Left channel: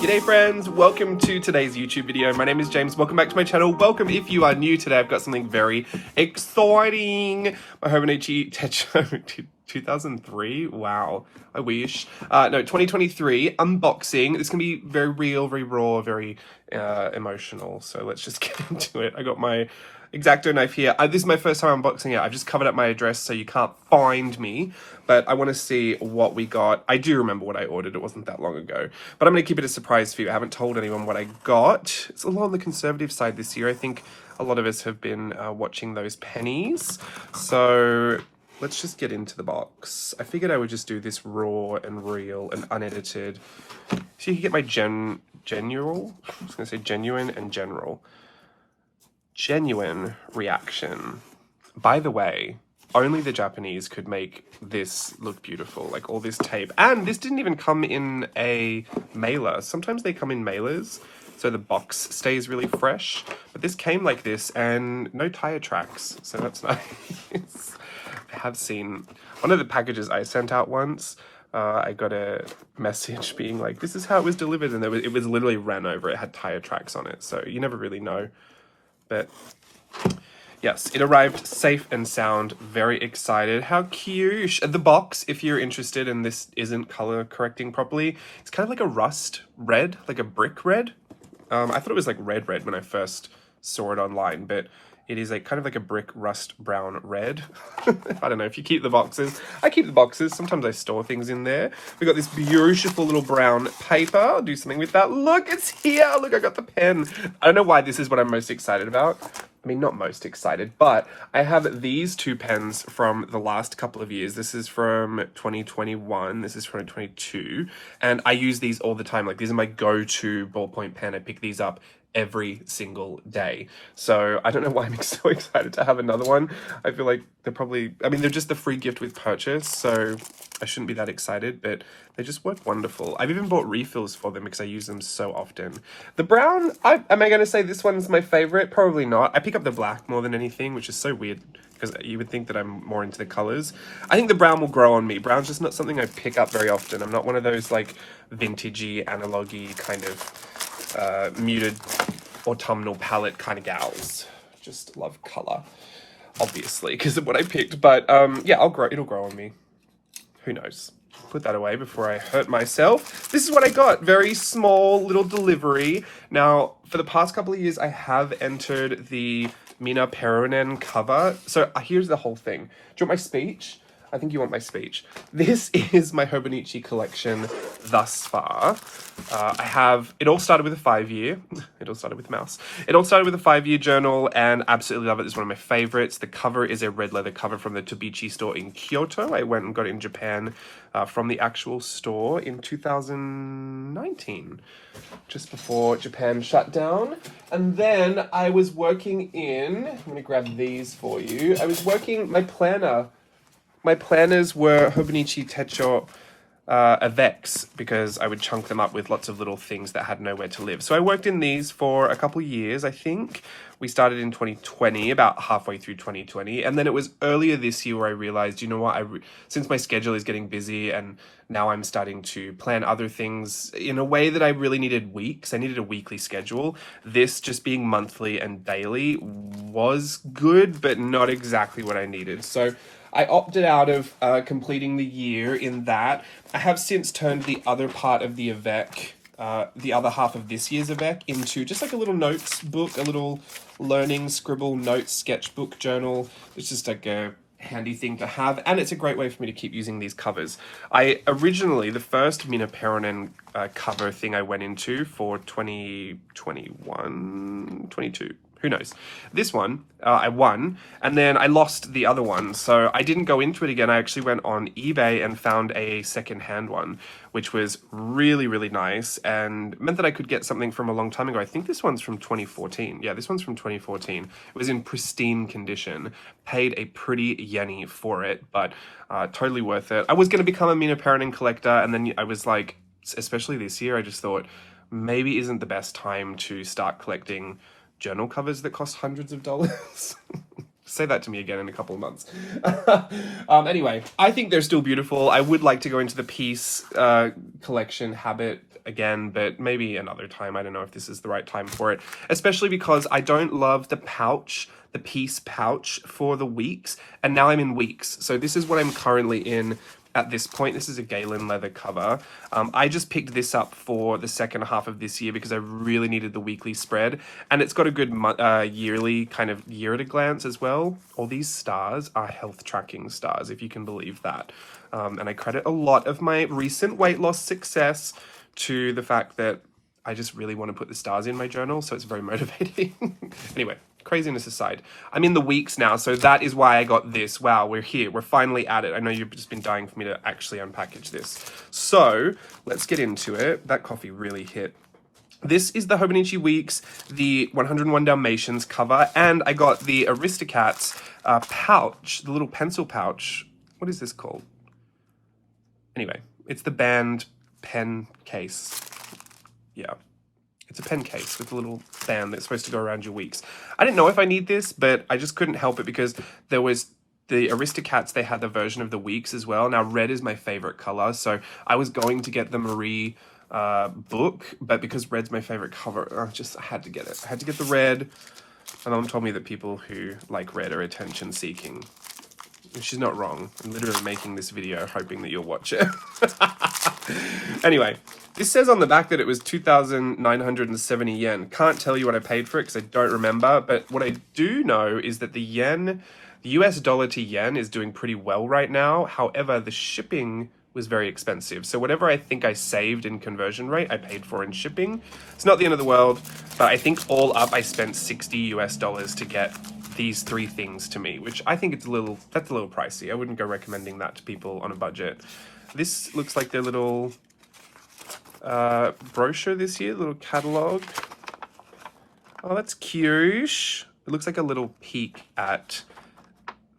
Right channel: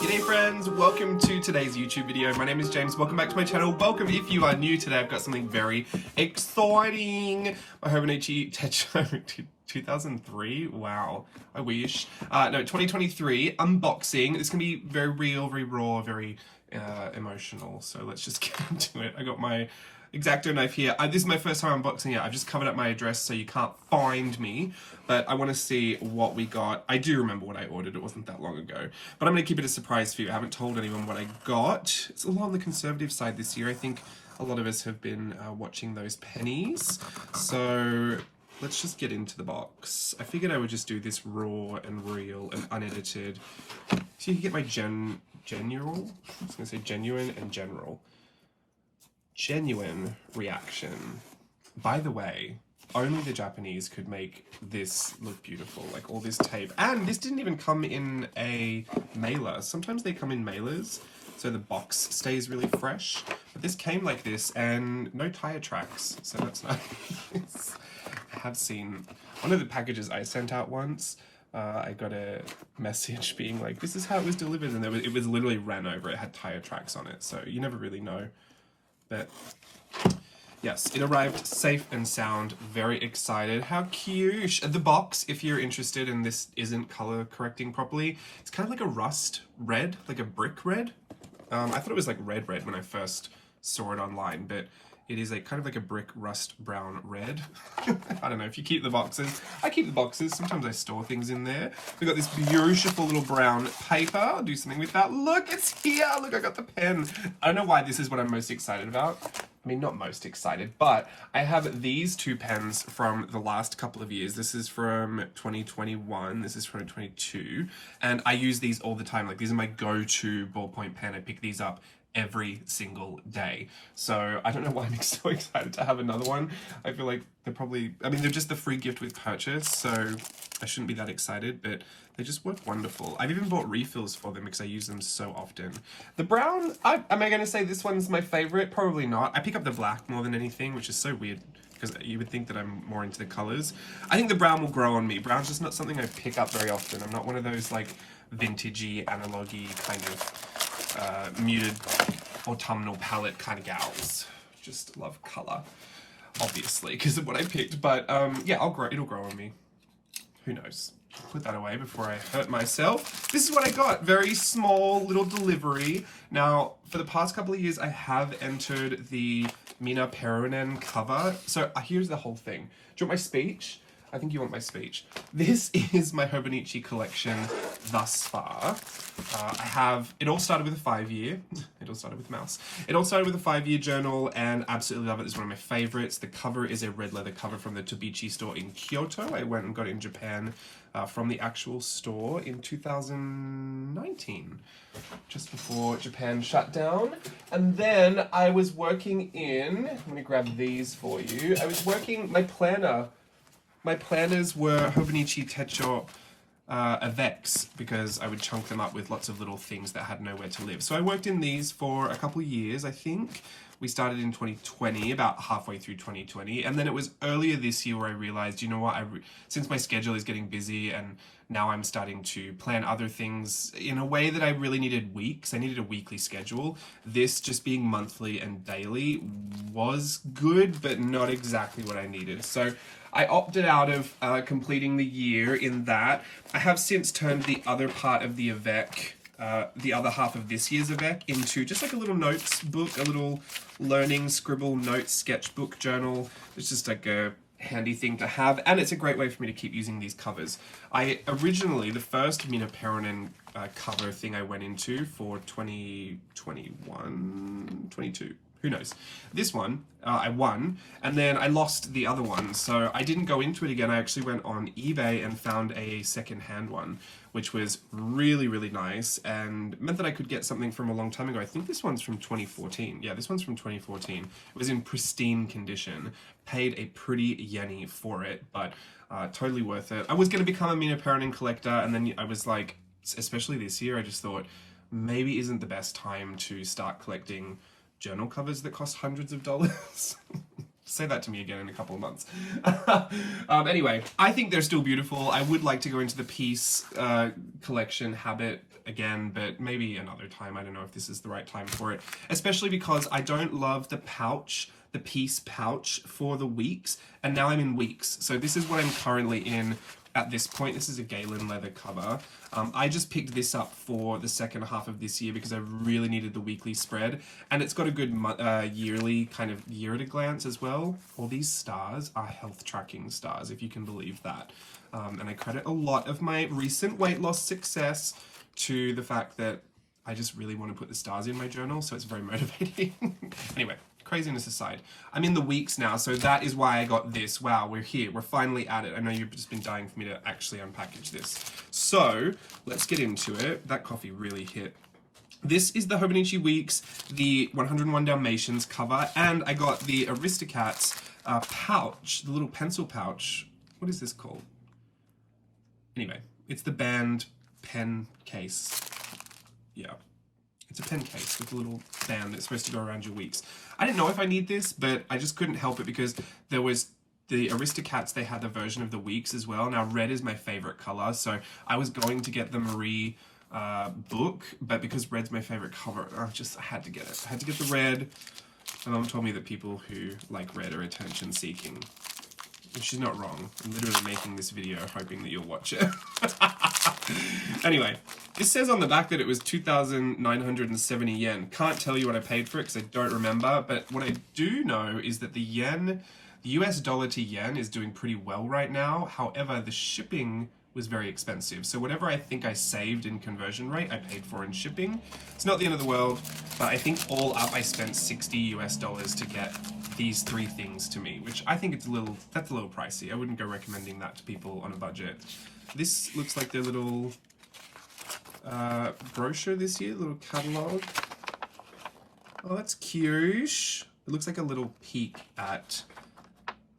G'day friends, welcome to today's YouTube video. My name is James, welcome back to my channel. Welcome if you are new today. I've got something very exciting. My Hobonichi Haul 2003, wow, I wish. No, 2023 unboxing. This can be very real, very raw, very emotional. So let's just get into it. I got my X-Acto knife here. This is my first time unboxing it. I've just covered up my address so you can't find me, but I want to see what we got. I do remember what I ordered. It wasn't that long ago, but I'm going to keep it a surprise for you. I haven't told anyone what I got. It's a lot on the conservative side this year. I think a lot of us have been watching those pennies. So let's just get into the box. I figured I would just do this raw and real and unedited. So you can get my genuine, I was going to say genuine and general. Genuine reaction. By the way, only the Japanese could make this look beautiful, like all this tape. And this didn't even come in a mailer. Sometimes they come in mailers, so the box stays really fresh. But this came like this and no tire tracks, so that's nice. I have seen one of the packages I sent out once. I got a message being like, this is how it was delivered, and it was literally ran over. It had tire tracks on it, so you never really know. But yes, it arrived safe and sound. Very excited. How cute. The box, if you're interested and this isn't color correcting properly, it's kind of like a rust red, like a brick red. I thought it was like red when I first saw it online, but it is kind of like a brick rust brown red. I don't know if you keep the boxes. I keep the boxes. Sometimes I store things in there. We got this beautiful little brown paper. I'll do something with that. Look, it's here. Look, I got the pen. I don't know why this is what I'm most excited about. I mean, not most excited, but I have these two pens from the last couple of years. This is from 2021. This is from 2022. And I use these all the time. Like, these are my go-to ballpoint pen. I pick these up every single day. So I don't know why I'm so excited to have another one. I feel like they're probably, I mean, they're just the free gift with purchase, so I shouldn't be that excited, but they just work wonderful. I've even bought refills for them because I use them so often. The brown, am I going to say this one's my favorite? Probably not. I pick up the black more than anything, which is so weird because you would think that I'm more into the colors. I think the brown will grow on me. Brown's just not something I pick up very often. I'm not one of those like vintagey, analogy kind of muted autumnal palette kind of gals. Just love color, obviously, because of what I picked. But yeah, it'll grow on me. Who knows? Put that away before I hurt myself. This is what I got. Very small little delivery. Now, for the past couple of years, I have entered the Mina Peronen cover. So here's the whole thing. Do you want my speech? I think you want my speech. This is my Hobonichi collection thus far. It all started with a 5-year. It all started with mouse. It all started with a 5-year journal, and absolutely love it. It's one of my favorites. The cover is a red leather cover from the Tobichi store in Kyoto. I went and got it in Japan from the actual store in 2019, just before Japan shut down. And then I was working in, I'm gonna grab these for you. I was working, my planners were Hobonichi Techo Avex, because I would chunk them up with lots of little things that had nowhere to live. So I worked in these for a couple years, I think. We started in 2020, about halfway through 2020. And then it was earlier this year where I realized, you know what, since my schedule is getting busy and now I'm starting to plan other things in a way that I really needed weeks. I needed a weekly schedule. This just being monthly and daily was good, but not exactly what I needed. So I opted out of completing the year in that. I have since turned the other part of the Avec, the other half of this year's Avec, into just like a little notes book, a little learning scribble notes sketchbook journal. It's just like a handy thing to have, and it's a great way for me to keep using these covers. The first Mina Peronen cover thing I went into for 2021, 22. Who knows? This one, I won, and then I lost the other one, so I didn't go into it again. I actually went on eBay and found a second-hand one, which was really, really nice, and meant that I could get something from a long time ago. I think this one's from 2014. Yeah, this one's from 2014. It was in pristine condition. Paid a pretty yenny for it, but totally worth it. I was going to become a Mina Peronen collector, and then I was like, especially this year, I just thought, maybe isn't the best time to start collecting journal covers that cost hundreds of dollars. Say that to me again in a couple of months. Anyway, I think they're still beautiful. I would like to go into the piece collection habit again, but maybe another time. I don't know if this is the right time for it, especially because I don't love the pouch, the piece pouch for the weeks, and now I'm in weeks. So this is what I'm currently in at this point. This is a Galen leather cover. I just picked this up for the second half of this year because I really needed the weekly spread, and it's got a good yearly kind of year at a glance as well. All these stars are health tracking stars, if you can believe that. And I credit a lot of my recent weight loss success to the fact that I just really want to put the stars in my journal, so it's very motivating. Anyway, craziness aside, I'm in the weeks now, so that is why I got this. Wow, we're here. We're finally at it. I know you've just been dying for me to actually unpackage this. So let's get into it. That coffee really hit. This is the Hobonichi Weeks, the 101 Dalmatians cover, and I got the Aristocats pouch, the little pencil pouch. What is this called? Anyway, it's the band pen case. Yeah. It's a pen case with a little band that's supposed to go around your weeks. I didn't know if I need this, but I just couldn't help it because there was the Aristocats, they had the version of the weeks as well. Now, red is my favorite color, so I was going to get the Marie book, but because red's my favorite color, I had to get it. I had to get the red. My mom told me that people who like red are attention-seeking. She's not wrong. I'm literally making this video hoping that you'll watch it. Anyway, this says on the back that it was 2,970 yen. Can't tell you what I paid for it because I don't remember, but what I do know is that the yen, the US dollar to yen is doing pretty well right now. However, the shipping was very expensive. So whatever I think I saved in conversion rate, I paid for in shipping. It's not the end of the world, but I think all up I spent $60 to get these three things to me, which I think that's a little pricey. I wouldn't go recommending that to people on a budget. This looks like their little brochure this year, little catalog. Oh, that's cute. It looks like a little peek at,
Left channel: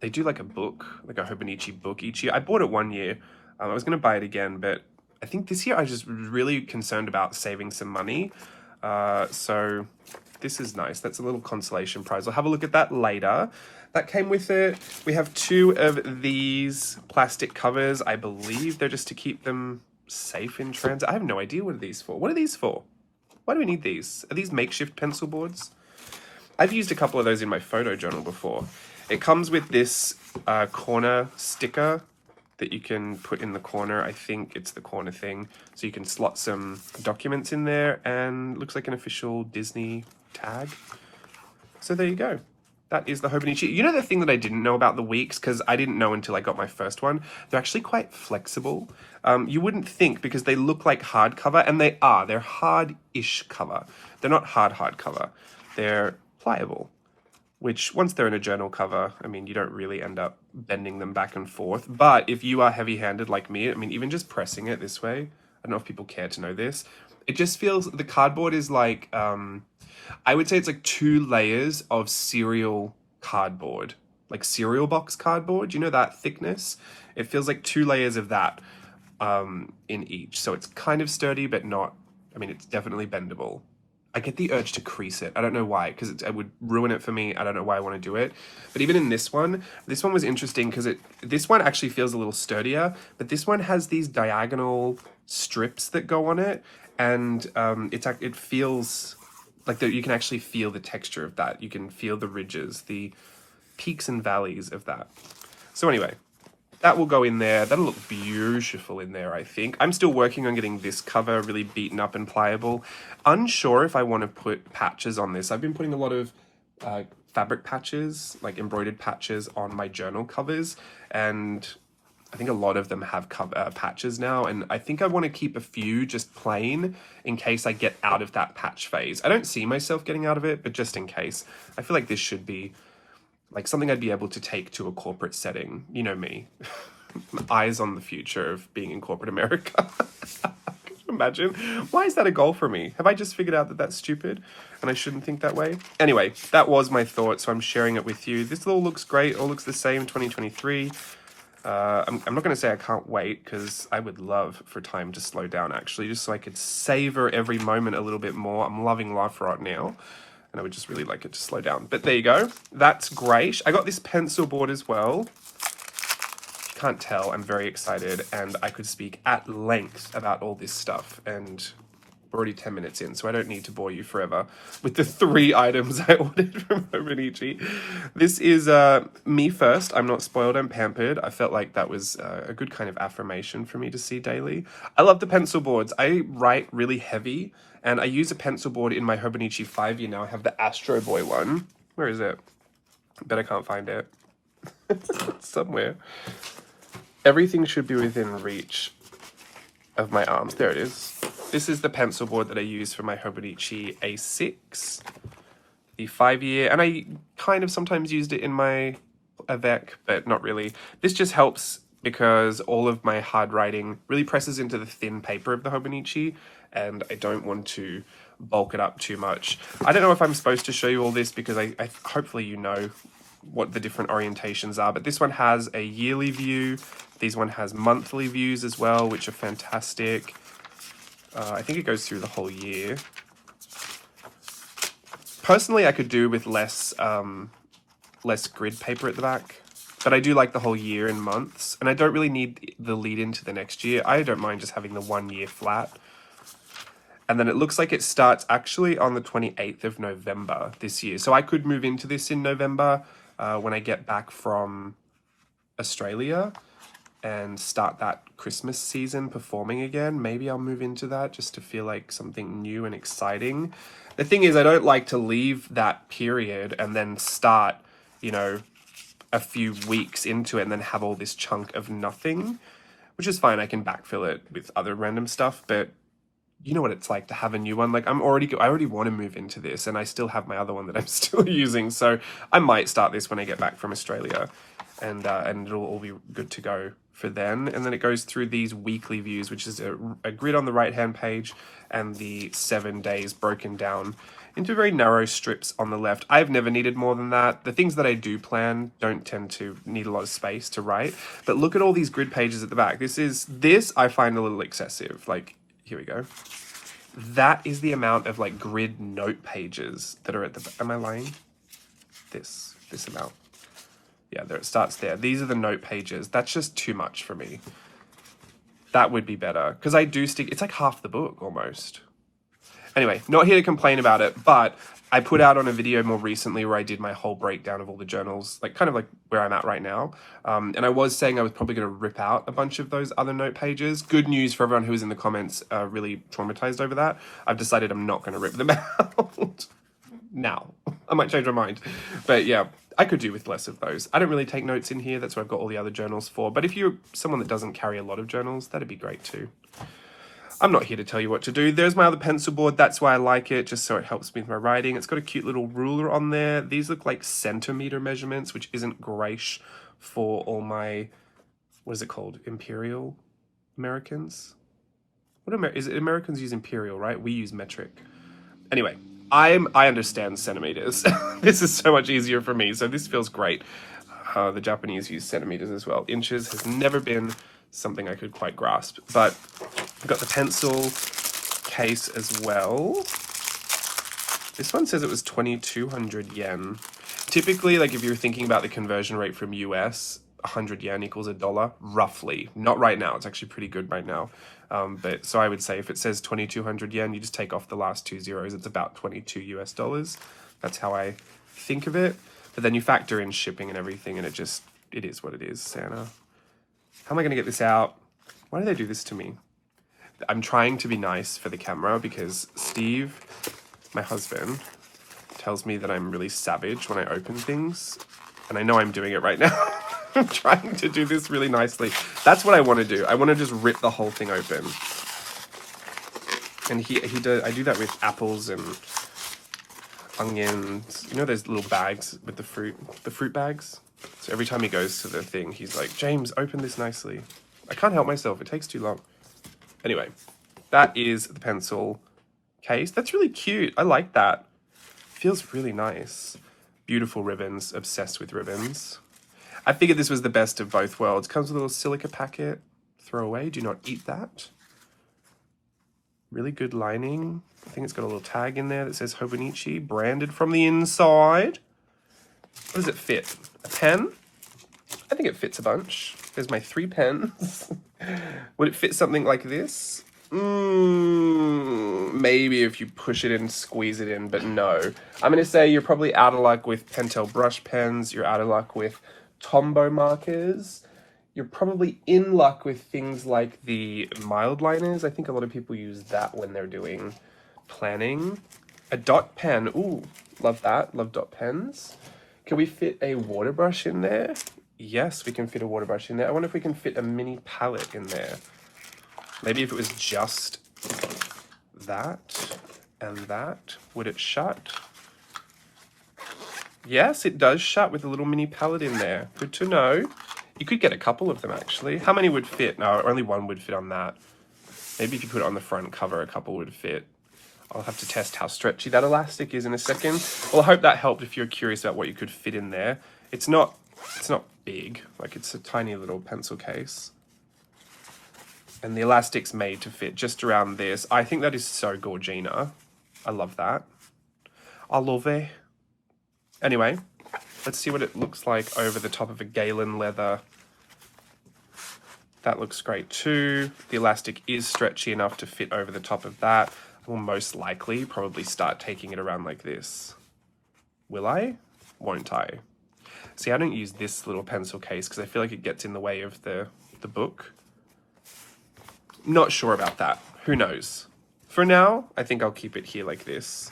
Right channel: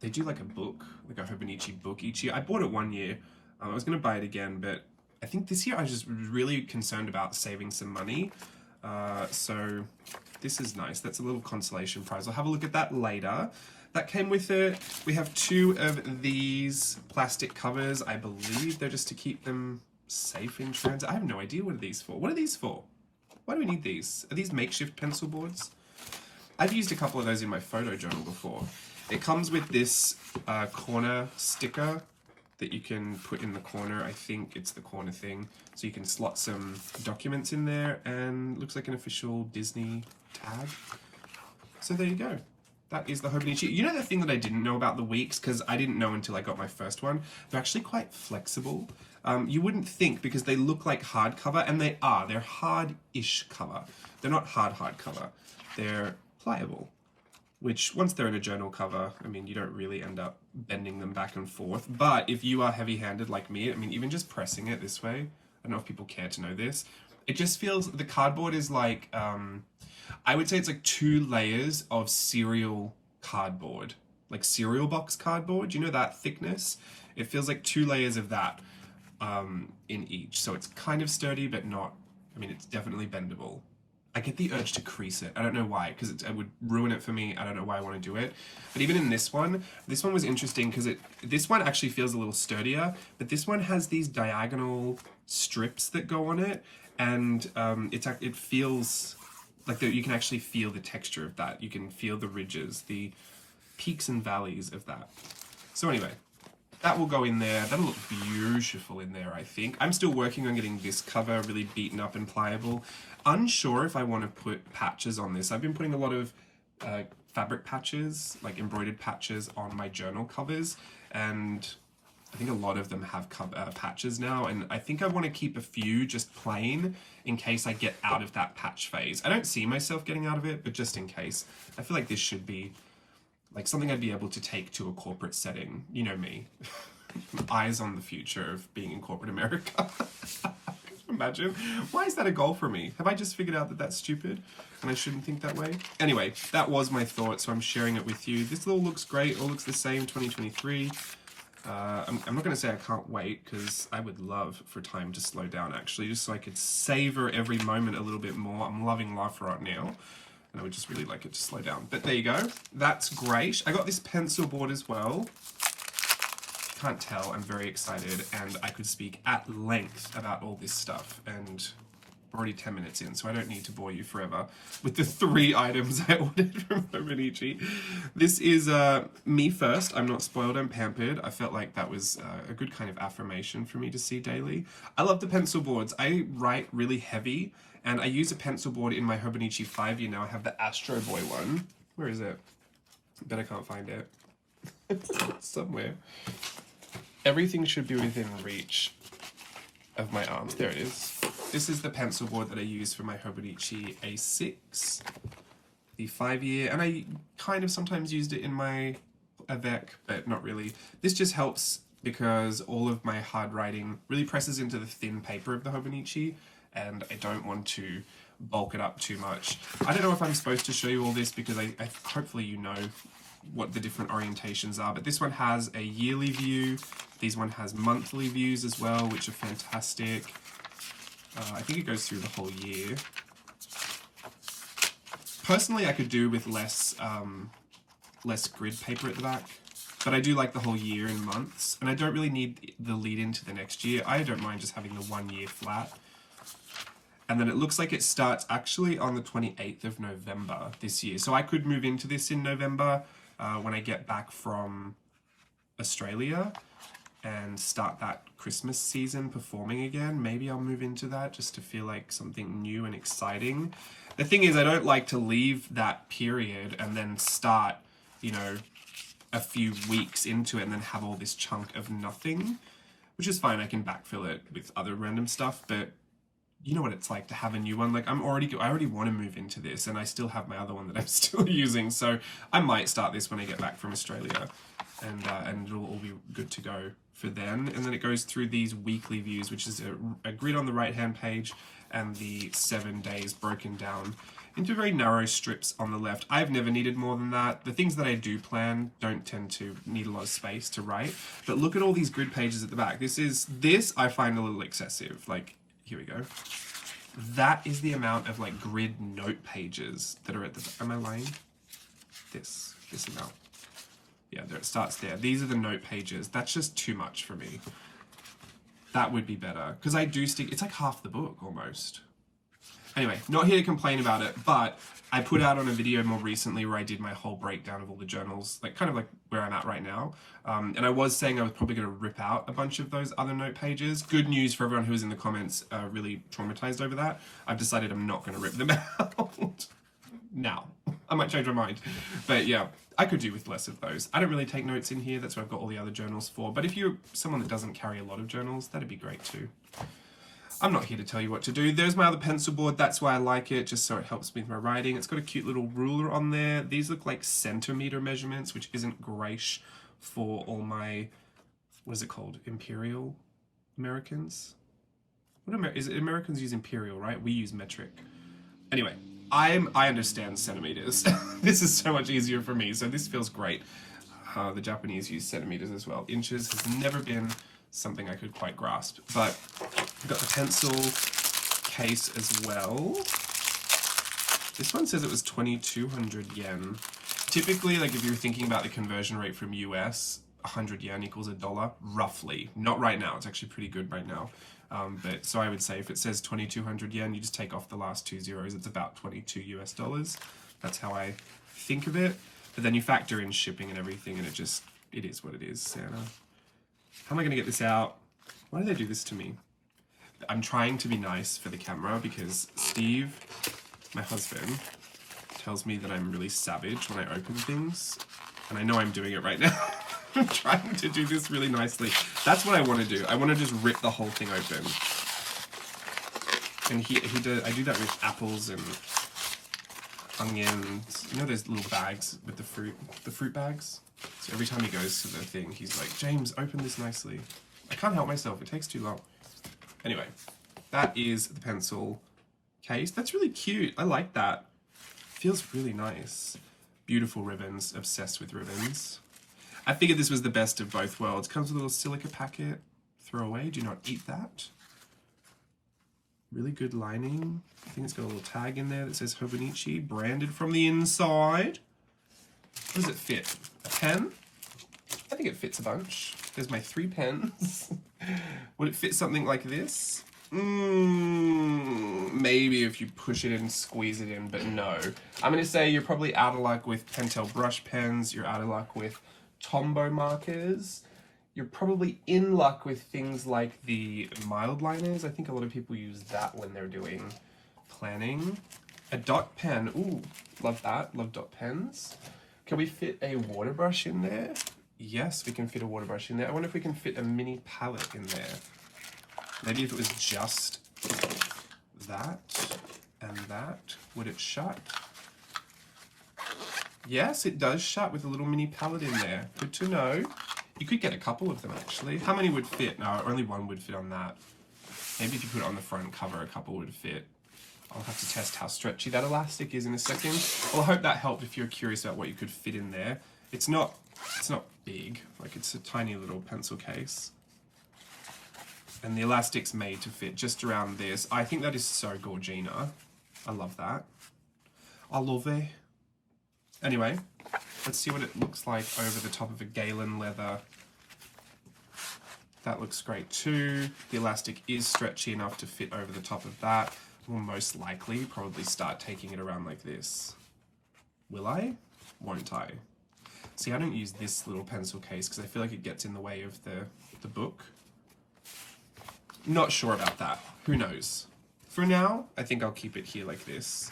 they do like a book, like a Hobonichi book each year. I bought it one year. I was going to buy it again, but I think this year I was just really concerned about saving some money. So this is nice. That's a little consolation prize. I'll have a look at that later. That came with it. We have two of these plastic covers. I believe they're just to keep them safe in transit. I have no idea what are these for. What are these for? Why do we need these? Are these makeshift pencil boards? I've used a couple of those in my photo journal before. It comes with this corner sticker that you can put in the corner. I think it's the corner thing. So you can slot some documents in there, and looks like an official Disney tag. So there you go. That is the Hobonichi. You know the thing that I didn't know about the weeks, because I didn't know until I got my first one, they're actually quite flexible. You wouldn't think because they look like hardcover, and they are. They're hard-ish cover. They're not hard cover. They're pliable, which once they're in a journal cover, I mean, you don't really end up bending them back and forth. But if you are heavy-handed like me, I mean, even just pressing it this way, I don't know if people care to know this, it just feels, the cardboard is like, I would say it's like 2 layers of cereal cardboard, like cereal box cardboard. You know that thickness? It feels like 2 layers of that in each. So it's kind of sturdy, but not, I mean, it's definitely bendable. I get the urge to crease it. I don't know why, because it would ruin it for me. I don't know why I want to do it. But even in this one was interesting because this one actually feels a little sturdier, but this one has these diagonal strips that go on it, and it feels like you can actually feel the texture of that. You can feel the ridges, the peaks and valleys of that. So anyway, that will go in there. That'll look beautiful in there, I think. I'm still working on getting this cover really beaten up and pliable. Unsure if I want to put patches on this. I've been putting a lot of fabric patches, like embroidered patches, on my journal covers, and I think a lot of them have patches now, and I think I want to keep a few just plain in case I get out of that patch phase. I don't see myself getting out of it, but just in case. I feel like this should be like something I'd be able to take to a corporate setting. You know me. Eyes on the future of being in corporate America. Imagine. Why is that a goal for me? Have I just figured out that that's stupid and I shouldn't think that way? Anyway, that was my thought, so I'm sharing it with you. This all looks great. All looks the same, 2023. I'm not going to say I can't wait, because I would love for time to slow down, actually, just so I could savor every moment a little bit more. I'm loving life right now. and I would just really like it to slow down. But there you go. That's great. I got this pencil board as well. Can't tell, I'm very excited, and I could speak at length about all this stuff, and we're already 10 minutes in, so I don't need to bore you forever with the 3 items I ordered from Hobonichi. This is me first. I'm not spoiled, I'm pampered. I felt like that was a good kind of affirmation for me to see daily. I love the pencil boards. I write really heavy, and I use a pencil board in my Hobonichi 5-year now. I have the Astro Boy one. Where is it? I bet I can't find it. It's somewhere. Everything should be within reach of my arms. There it is. This is the pencil board that I use for my Hobonichi A6, the 5-year, and I kind of sometimes used it in my Avec, but not really. This just helps because all of my hard writing really presses into the thin paper of the Hobonichi, and I don't want to bulk it up too much. I don't know if I'm supposed to show you all this because I hopefully you know what the different orientations are, but this one has a yearly view. This one has monthly views as well, which are fantastic. I think it goes through the whole year. Personally, I could do with less grid paper at the back, but I do like the whole year and months, and I don't really need the lead into the next year. I don't mind just having the 1 year flat. And then it looks like it starts actually on the 28th of November this year. So I could move into this in November when I get back from Australia and start that Christmas season performing again. Maybe I'll move into that just to feel like something new and exciting. The thing is, I don't like to leave that period and then start, you know, a few weeks into it and then have all this chunk of nothing, which is fine. I can backfill it with other random stuff, but you know what it's like to have a new one. Like I already want to move into this, and I still have my other one that I'm still using. So I might start this when I get back from Australia, and it'll all be good to go for then. And then it goes through these weekly views, which is a grid on the right-hand page, and the 7 days broken down into very narrow strips on the left. I've never needed more than that. The things that I do plan don't tend to need a lot of space to write. But look at all these grid pages at the back. This I find a little excessive. Like, here we go. That is the amount of like grid note pages that are at the, am I lying? This amount. Yeah, there it starts there. These are the note pages. That's just too much for me. That would be better, because I do stick, it's like half the book almost. Anyway, not here to complain about it, but I put out on a video more recently where I did my whole breakdown of all the journals, like kind of like where I'm at right now. And I was saying I was probably going to rip out a bunch of those other note pages. Good news for everyone who was in the comments really traumatized over that. I've decided I'm not going to rip them out now. I might change my mind. But yeah, I could do with less of those. I don't really take notes in here. That's what I've got all the other journals for. But if you're someone that doesn't carry a lot of journals, that'd be great too. I'm not here to tell you what to do. There's my other pencil board. That's why I like it, just so it helps me with my writing. It's got a cute little ruler on there. These look like centimeter measurements, which isn't great for all my, what is it called? Imperial Americans? Is it Americans use imperial, right? We use metric. Anyway, I understand centimeters. This is so much easier for me, so this feels great. The Japanese use centimeters as well. Inches has never been something I could quite grasp, but I've got the pencil case as well. This one says it was 2,200 yen. Typically, like if you're thinking about the conversion rate from US, 100 yen equals $1, roughly. Not right now, it's actually pretty good right now. But so I would say if it says 2,200 yen, you just take off the last 2 zeros, it's about 22 US dollars. That's how I think of it. But then you factor in shipping and everything, and it is what it is, Santa. How am I going to get this out? Why do they do this to me? I'm trying to be nice for the camera because Steve, my husband, tells me that I'm really savage when I open things. And I know I'm doing it right now. I'm trying to do this really nicely. That's what I want to do. I want to just rip the whole thing open. And I do that with apples and onions. You know those little bags with the fruit bags? So every time he goes to the thing, he's like, James, open this nicely. I can't help myself. It takes too long. Anyway, that is the pencil case. That's really cute. I like that. Feels really nice. Beautiful ribbons. Obsessed with ribbons. I figured this was the best of both worlds. Comes with a little silica packet. Throw away. Do not eat that. Really good lining. I think it's got a little tag in there that says Hobonichi, branded from the inside. What does it fit? A pen? I think it fits a bunch. There's my 3 pens. Would it fit something like this? Maybe if you push it in, squeeze it in, but no. I'm going to say you're probably out of luck with Pentel brush pens. You're out of luck with Tombow markers. You're probably in luck with things like the mild liners. I think a lot of people use that when they're doing planning. A dot pen. Ooh, love that. Love dot pens. Can we fit a water brush in there? Yes, we can fit a water brush in there. I wonder if we can fit a mini palette in there. Maybe if it was just that and that, would it shut? Yes, it does shut with a little mini palette in there. Good to know. You could get a couple of them, actually. How many would fit? No, only one would fit on that. Maybe if you put it on the front cover, a couple would fit. I'll have to test how stretchy that elastic is in a second. Well, I hope that helped if you're curious about what you could fit in there. It's not big. Like, it's a tiny little pencil case. And the elastic's made to fit just around this. I think that is so Gorgina. I love that. I love it. Anyway, let's see what it looks like over the top of a Galen leather. That looks great too. The elastic is stretchy enough to fit over the top of that. Will most likely probably start taking it around like this. Will I? Won't I? See, I don't use this little pencil case because I feel like it gets in the way of the book. Not sure about that. Who knows? For now, I think I'll keep it here like this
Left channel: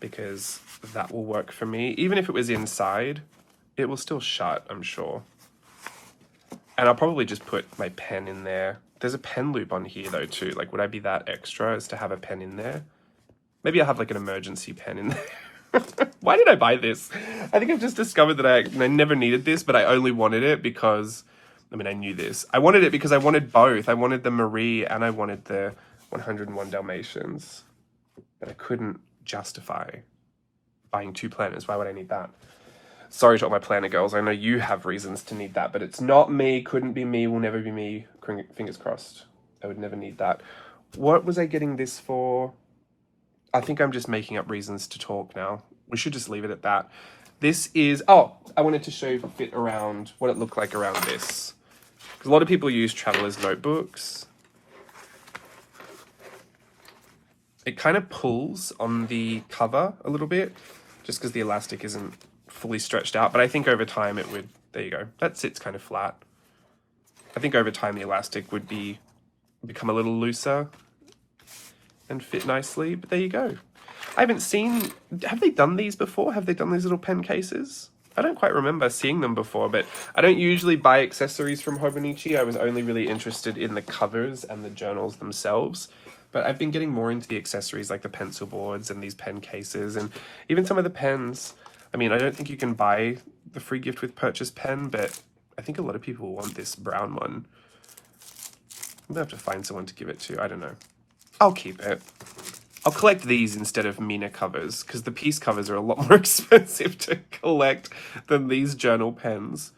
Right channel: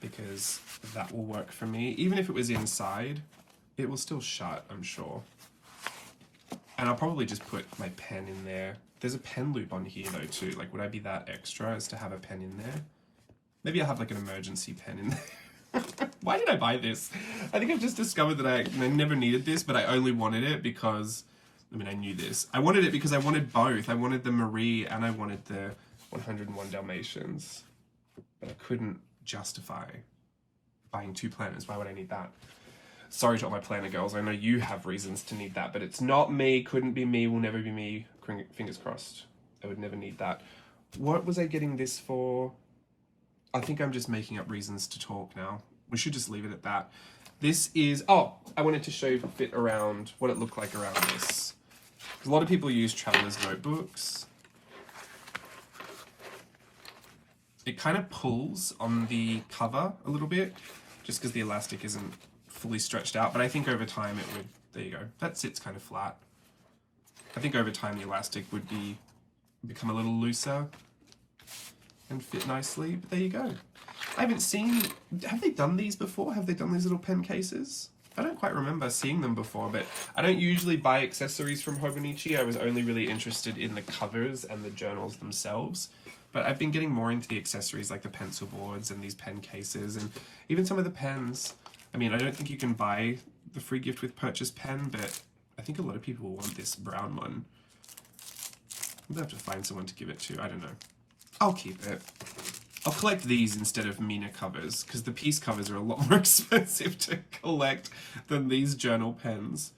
because that will work for me. Even if it was inside, it will still shut, I'm sure. And I'll probably just put my pen in there. There's a pen loop on here though too. Like, would I be that extra as to have a pen in there? Maybe I'll have like an emergency pen in there. Why did I buy this? I think I've just discovered that I never needed this, but I only wanted it because, I mean, I knew this. I wanted it because I wanted both. I wanted the Marie and I wanted the 101 Dalmatians. But I couldn't justify buying 2 planners. Why would I need that? Sorry to all my planner girls. I know you have reasons to need that, but it's not me, couldn't be me, will never be me. Fingers crossed. I would never need that. What was I getting this for? I think I'm just making up reasons to talk now. We should just leave it at that. This is, oh, I wanted to show you the fit around, what it looked like around this. A lot of people use traveler's notebooks. It kind of pulls on the cover a little bit, just because the elastic isn't fully stretched out, but I think over time it would, there you go, that sits kind of flat. I think over time the elastic would become a little looser and fit nicely, but there you go. I haven't seen, have they done these before? Have they done these little pen cases? I don't quite remember seeing them before, but I don't usually buy accessories from Hobonichi. I was only really interested in the covers and the journals themselves. But I've been getting more into the accessories like the pencil boards and these pen cases and even some of the pens. I mean, I don't think you can buy the free gift with purchase pen, but I think a lot of people want this brown one. I'm gonna have to find someone to give it to. I don't know. I'll keep it. I'll collect these instead of Mina covers because the piece covers are a lot more expensive to collect than these journal pens.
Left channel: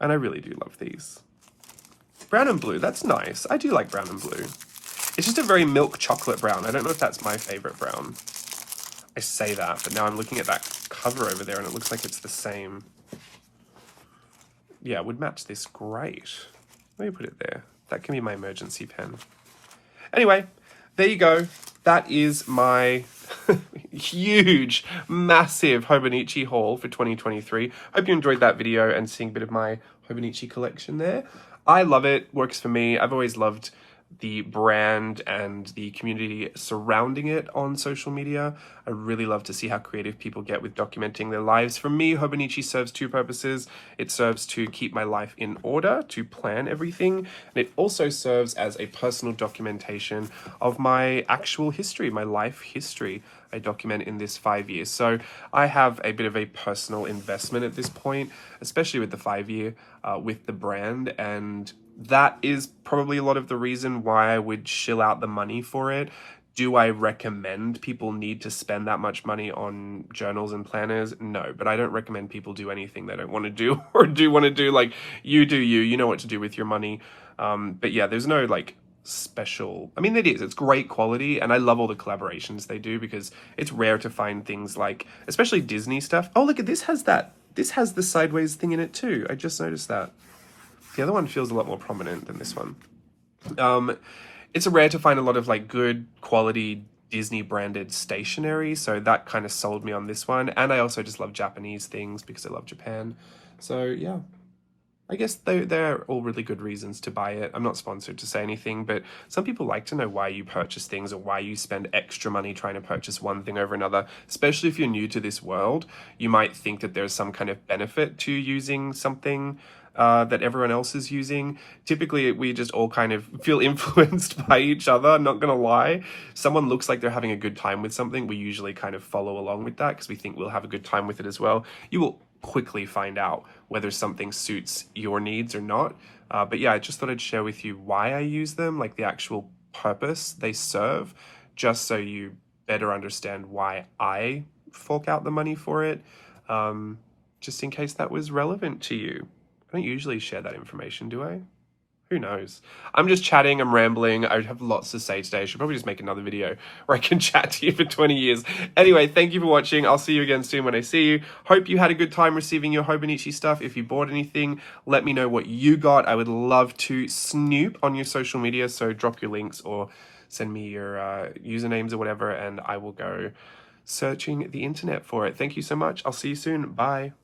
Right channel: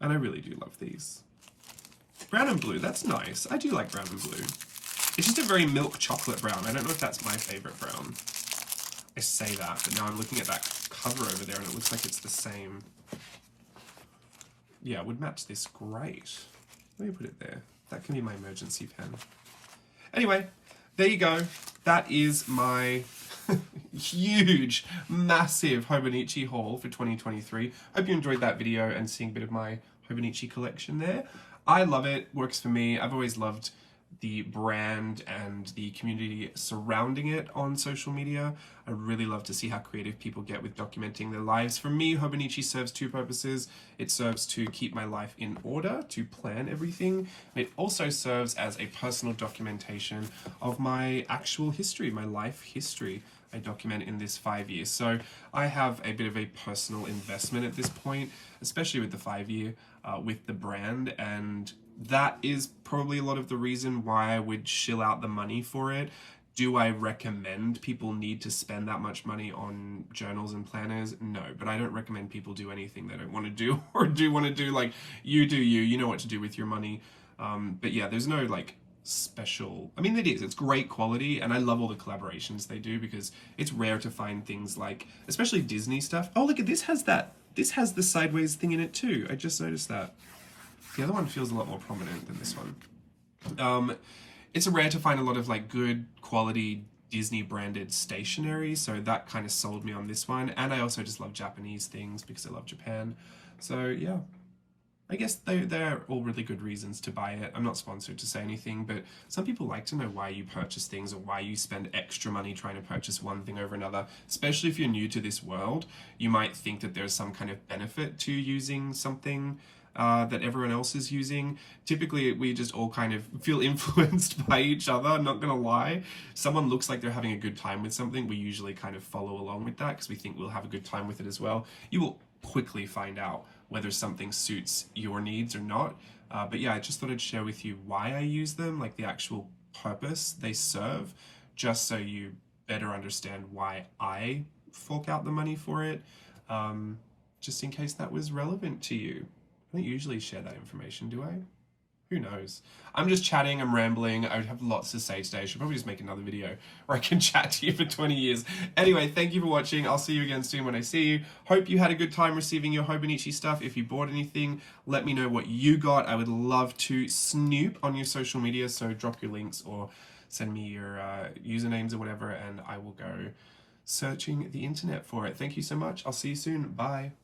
And I really do love these. Brown and blue, that's nice. I do like brown and blue. It's just a very milk chocolate brown. I don't know if that's my favorite brown. I say that, but now I'm looking at that cover over there and it looks like it's the same. Yeah, it would match this great. Let me put it there. That can be my emergency pen. Anyway, there you go. That is my huge, massive Hobonichi haul for 2023. Hope you enjoyed that video and seeing a bit of my Hobonichi collection there. I love it. Works for me. I've always loved the brand and the community surrounding it on social media. I really love to see how creative people get with documenting their lives. For me, Hobonichi serves 2 purposes. It serves to keep my life in order, to plan everything, and it also serves as a personal documentation of my actual history, my life history. I document in this 5 years. So I have a bit of a personal investment at this point, especially with the 5-year, with the brand, and that is probably a lot of the reason why I would shill out the money for it. Do I recommend people need to spend that much money on journals and planners? No, but I don't recommend people do anything they don't want to do or do want to do. Like, you do you know what to do with your money. But yeah, there's no like special. I mean, it is. It's great quality, and I love all the collaborations they do because it's rare to find things like, especially Disney stuff. Oh, look at this has that. This has the sideways thing in it too. I just noticed that. The other one feels a lot more prominent than this one. It's rare to find a lot of like good quality Disney branded stationery, so that kind of sold me on this one. And I also just love Japanese things because I love Japan. So yeah, I guess they're all really good reasons to buy it. I'm not sponsored to say anything, but some people like to know why you purchase things or why you spend extra money trying to purchase one thing over another. Especially if you're new to this world, you might think that there's some kind of benefit to using something that everyone else is using. Typically, we just all kind of feel influenced by each other, I'm not gonna lie. Someone looks like they're having a good time with something, we usually kind of follow along with that because we think we'll have a good time with it as well. You will quickly find out whether something suits your needs or not. But yeah, I just thought I'd share with you why I use them, like the actual purpose they serve, just so you better understand why I fork out the money for it, just in case that was relevant to you. I don't usually share that information, do I? Who knows? I'm just chatting, I'm rambling, I have lots to say today. I should probably just make another video where I can chat to you for 20 years. Anyway, thank you for watching. I'll see you again soon when I see you. Hope you had a good time receiving your Hobonichi stuff. If you bought anything, let me know what you got. I would love to snoop on your social media, so drop your links or send me your usernames or whatever, and I will go searching the internet for it. Thank you so much. I'll see you soon. Bye.